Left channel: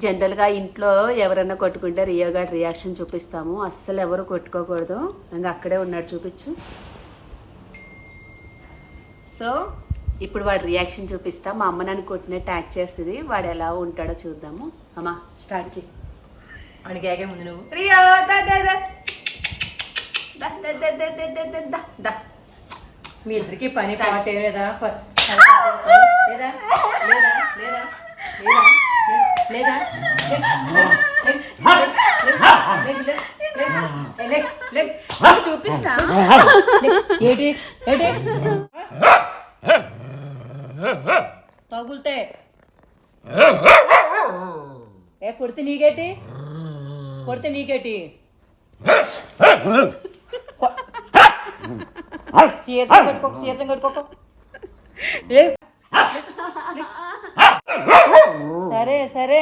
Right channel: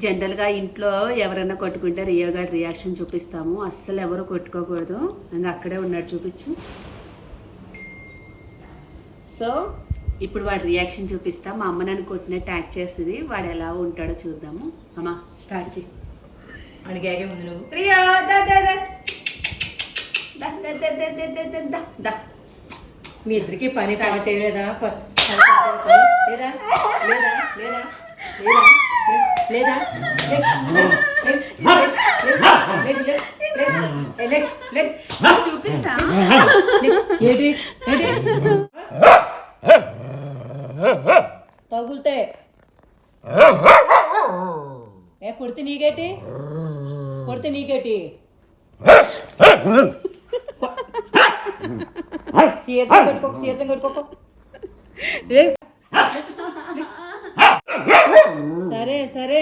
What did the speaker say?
జనరల్గా ఇంట్లో ఎవరైనా కొట్టుకుంటే రియో గారి రియాక్షన్ చూపిస్తాము. అస్సలు ఎవరు కొట్టుకోకూడదు. ఇంకా అక్కడే ఉన్నాడు, చూపించు. సో ఇప్పుడు వాడు రియాక్షన్ చూపిస్తా. మా అమ్మ నన్ను కొట్టినట్టు యాక్ట్ చేస్తుంది. వాడు ఎలా ఉంటాడో చూద్దాము. అమ్మా స్టార్ట్ చేయి. అడిగాగే ముందు నువ్వు రియా మీ ఇద్దరికి పని పాట లేదా లేదా లేదా లేదా లేదా చూపించా ఏంటి ఏంటి తగులుతే కొడితే నీకేటి కొడితే నీకేటి సీతం కట్టుకోక సరే సరే